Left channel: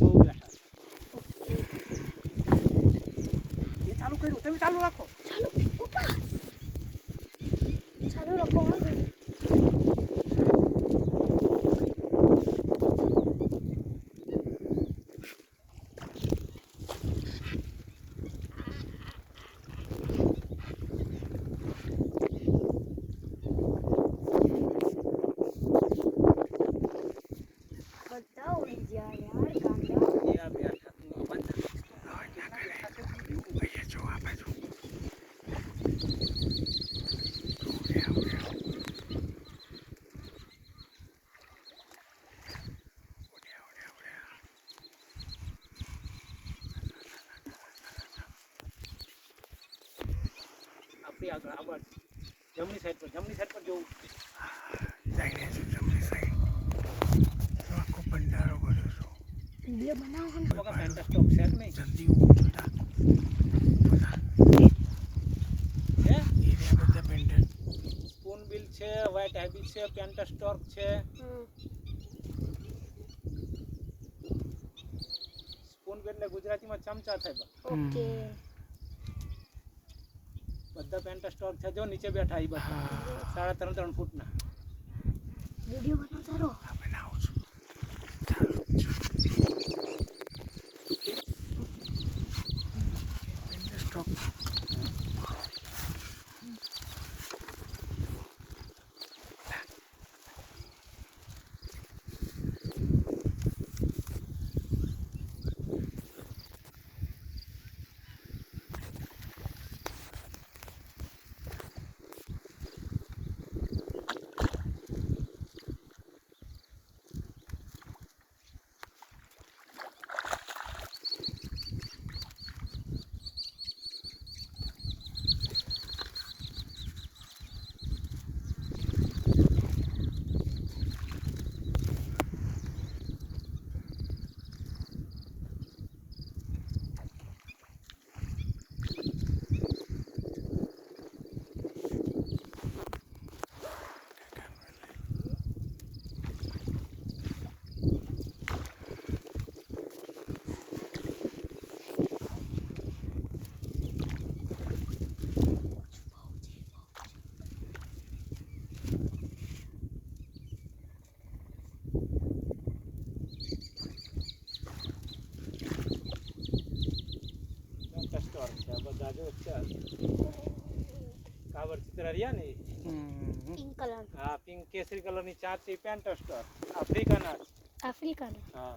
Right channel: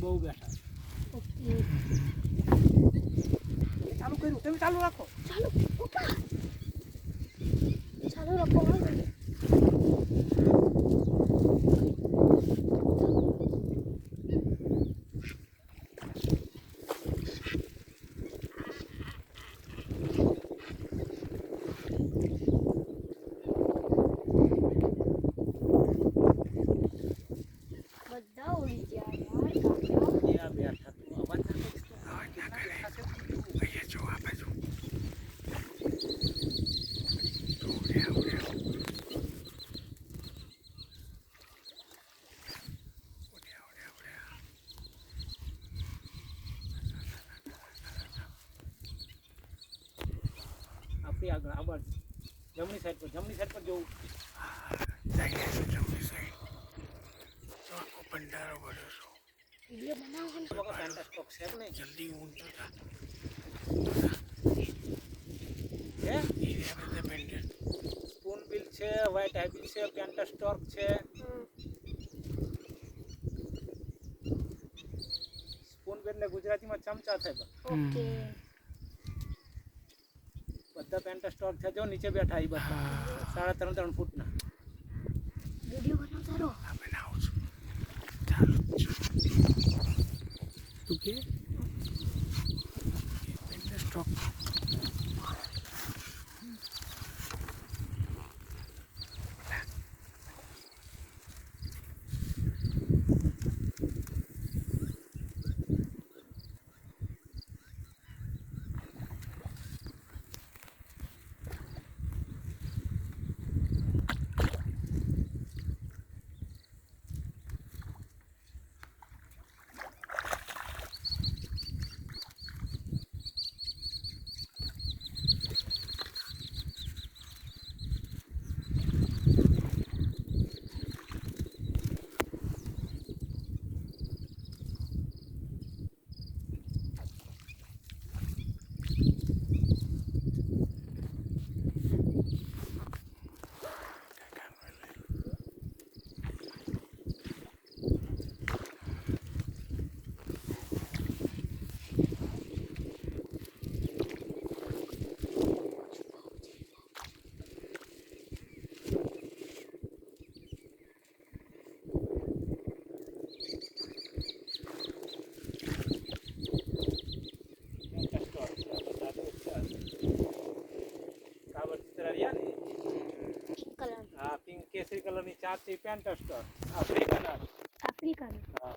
બહુ બેઠા. ઓકે એ ચાલુ કર્યું, તમે ચાલુ રાખો. ચાલુ પપ્પા ચાલુ રાખો બધા ઉડી ગયા યાર એ બેઠા તું અવાજ અહીંયા જો આ બાજુ આપણી આગળ જમણી સાઈડ પર જવું. જઈને શું જમણી સાઈડ તો આખો ભંડારો ભર્યો છો. વિડિયો બનાવો ને વગર પેન્ટા સ્ટોક છે કે નહીં? જલ્દી ઊંચો થા. હે? એ રહ્યા બધા પેન્ડર. સ્પૂન બિલ છે, વ્હાઇટ હાઇબિલ છે, પેન્ટા સ્ટોક છે. સ્પૂન બિલ એટલે ગુજરાતીમાં ચમચા થાય. ઓકે બધા પેન્ટા સ્ટોક છે. જો નીચે બેઠા એ બધા 3.5 ફૂટના. વિડિયો બનાવતા રહો હા બનાવું છું. ચાલુ જ છું. તું કે સ્ટોક પેન્ટા સ્ટોક છે. બધા જો છે. કાવડ ચિત્ર રહ્યા ને પિંક કલર હા પિંક કેસરી કલરની ચાર છે પેન્ટા સ્ટોક આફ્રિકન આફ્રિકન હા